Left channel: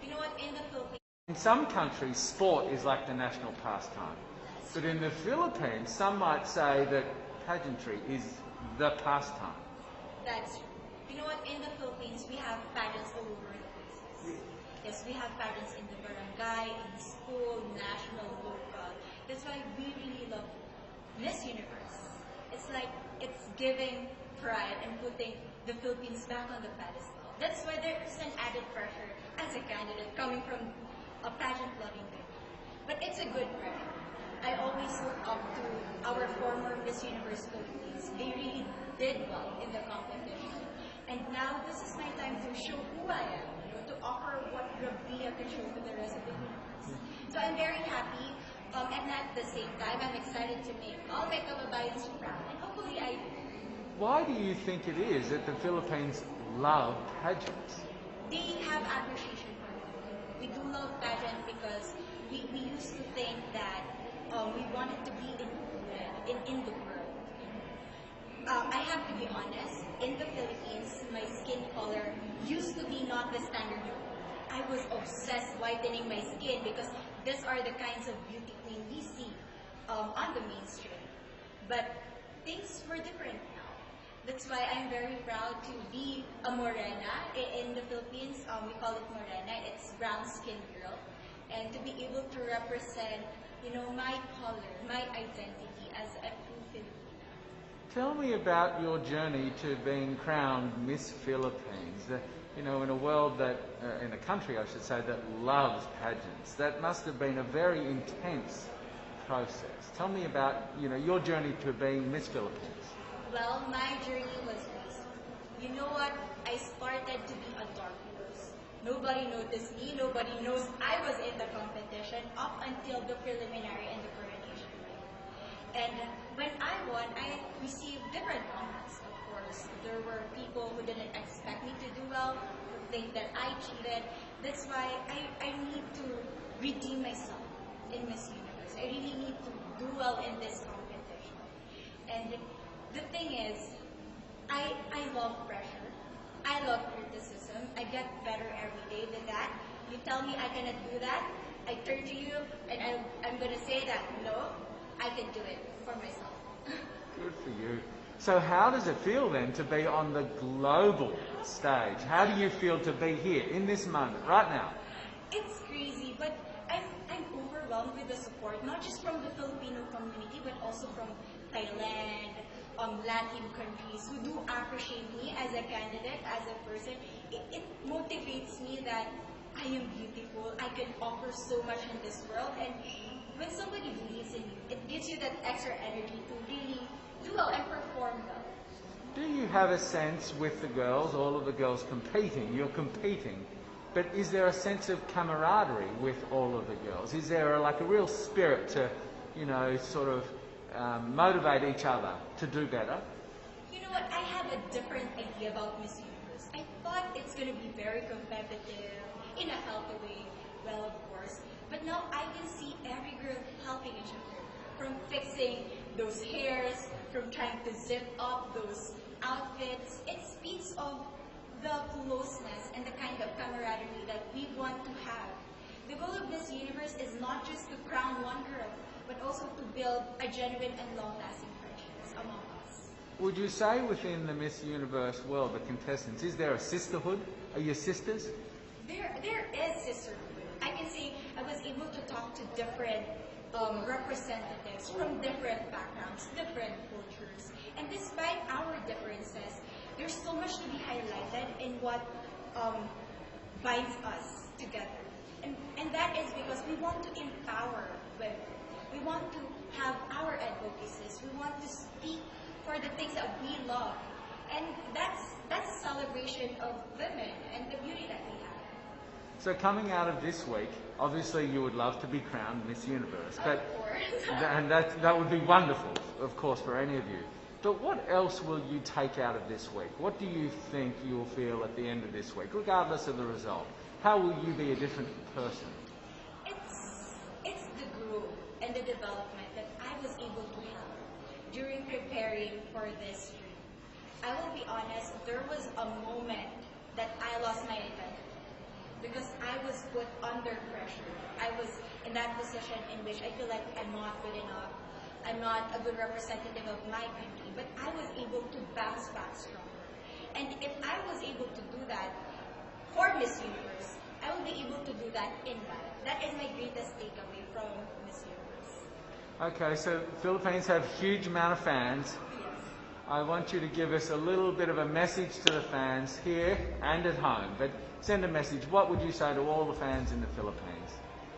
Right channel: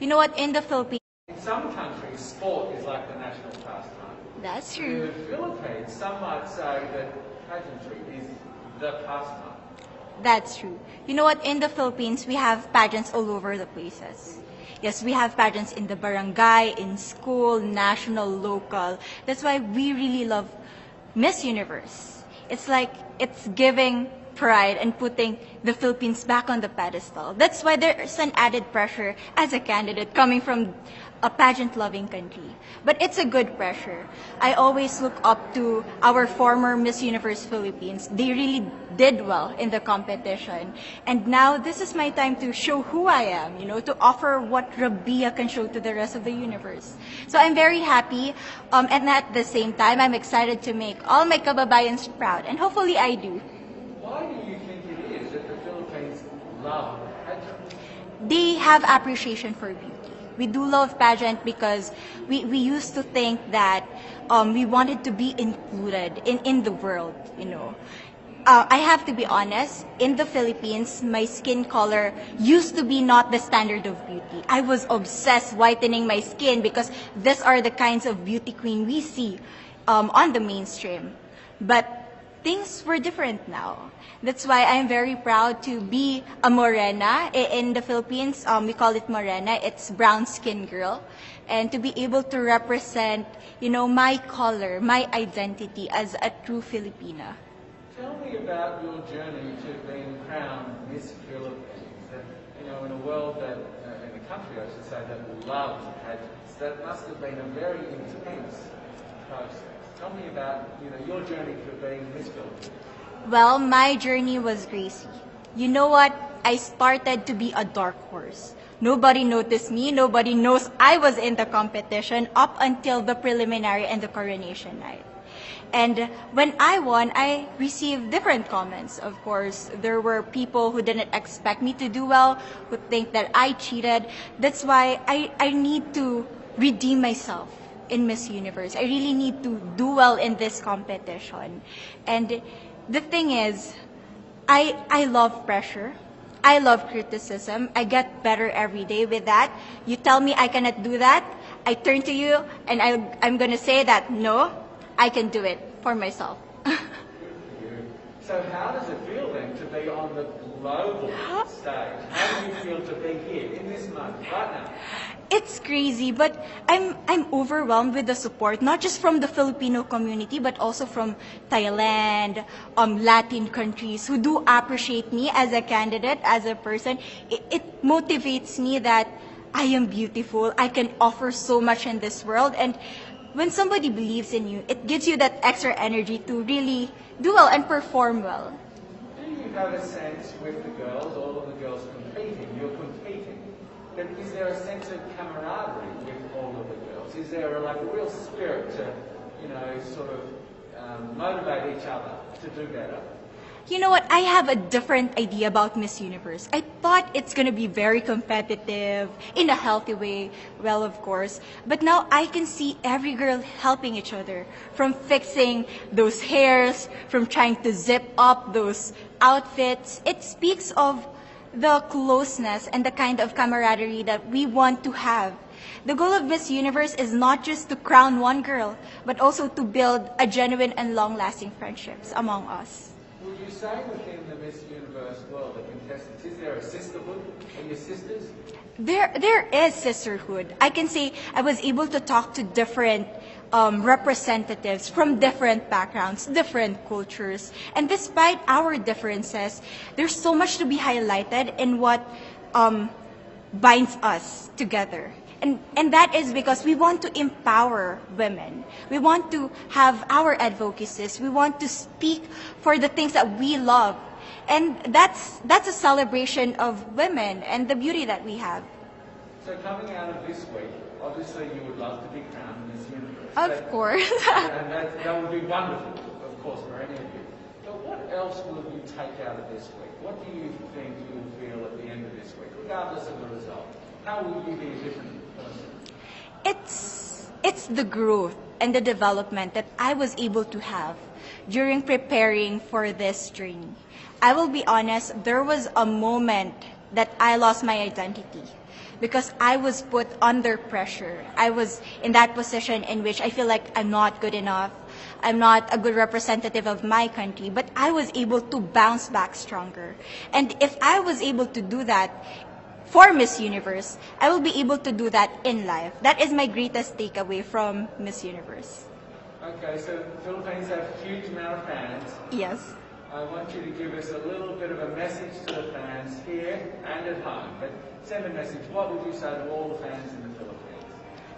You know what? In the Philippines, In some countries, sport is like the national pastime. that's But in true. the Philippines, some might say that pageantry is the pastime. That's true. You know what? In the Philippines, we have pageants all over the places. Yes, we have pageants in the barangay, in school, national, local. That's why we really love Miss Universe. It's like it's giving pride and putting the Philippines back on the pedestal. That's why there's an added pressure as a candidate coming from a pageant-loving country. But it's a good pressure. I always look up to our former Miss Universe Philippines. They really did well in the competition. And now this is my time to show who I am, to offer what Rabiya can show to the rest of the universe. So I'm very happy, and at the same time, I'm excited to make all my kababayans proud, and hopefully I do. Why do you think it is that the Philippines love pageants? They have appreciation for beauty. We do love pageant because we used to think that we wanted to be included in the world. I have to be honest, in the Philippines, my skin color used to be not the standard of beauty. I was obsessed whitening my skin because these are the kinds of beauty queen we see on the mainstream. But things were different now. That's why I'm very proud to be a morena. In the Philippines, we call it morena. It's brown skin girl. And to be able to represent, my color, my identity as a true Filipina. Tell me about your journey to being crowned Miss Philippines. In a world in a country, I should say, that loves pageants. That must have been a very intense process. Tell me about, your journey to being Miss Philippines. Well, my journey was crazy. You know what? I started to be a dark horse. Nobody noticed me. Nobody knows I was in the competition up until the preliminary and the coronation night. And when I won, I received different comments. Of course, there were people who didn't expect me to do well, who think that I cheated. That's why I need to redeem myself in Miss Universe. I really need to do well in this competition. And the thing is, I love pressure. I love criticism. I get better every day with that. You tell me I cannot do that, I turn to you and I'm going to say that, no, I can do it for myself. Good for you. So how does it feel then to be on the global stage? How do you feel to be here in this moment, right now? It's crazy, but I'm overwhelmed with the support, not just from the Filipino community, but also from Thailand, Latin countries who do appreciate me as a candidate, as a person. It motivates me that I am beautiful. I can offer so much in this world. And when somebody believes in you, it gives you that extra energy to really do well and perform well. Do you have a sense with the girls, all of the girls competing, you're competing, but is there a sense of camaraderie with all of the girls? Is there a real spirit to, sort of motivate each other to do better? You know what? I have a different idea about Miss Universe. I thought it's going to be very competitive, in a healthy way, well, of course. But now I can see every girl helping each other, from fixing those hairs, from trying to zip up those outfits. It speaks of the closeness and the kind of camaraderie that we want to have. The goal of Miss Universe is not just to crown one girl, but also to build a genuine and long-lasting friendships among us. Would you say within the Miss Universe world, the contestants, is there a sisterhood? Are you sisters? There is sisterhood. I can say I was able to talk to different representatives from different backgrounds, different cultures. And despite our differences, there's so much to be highlighted in what binds us together. And that is because we want to empower women. We want to have our advocacies. We want to speak for the things that we love. And that's a celebration of women and the beauty that we have. So coming out of this week, obviously you would love to be crowned Miss Universe. Of course. And that would be wonderful, of course, for any of you. But what else will you take out of this week? What do you think you'll feel at the end of this week, regardless of the result? How will you be a different person? It's the growth and the development that I was able to have during preparing for this dream. I will be honest, there was a moment that I lost my identity. because I was put under pressure. I was in that position in which I feel like I'm not good enough. I'm not a good representative of my country, but I was able to bounce back stronger. And if I was able to do that for Miss Universe, I will be able to do that in life. That is my greatest takeaway from Miss Universe. Okay, so Philippines have huge amount of fans. Yes. I want you to give us a little bit of a message to the fans here and at home. But send a message. What would you say to all the fans in the Philippines?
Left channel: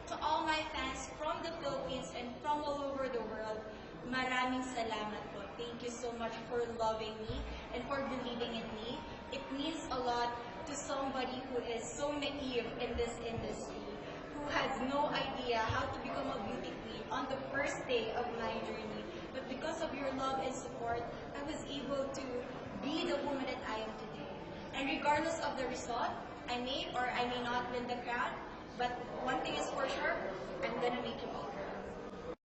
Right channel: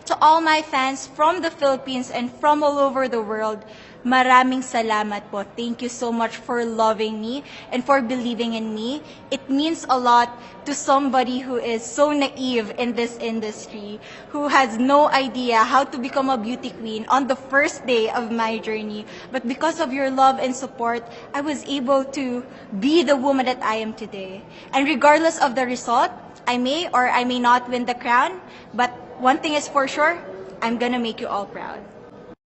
To all my fans from the Philippines and from all over the world, maraming salamat po. Thank you so much for loving me and for believing in me. It means a lot to somebody who is so naive in this industry, who has no idea how to become a beauty queen on the first day of my journey. But because of your love and support, I was able to be the woman that I am today. And regardless of the result, I may or I may not win the crown, but one thing is for sure, I'm gonna make you all proud.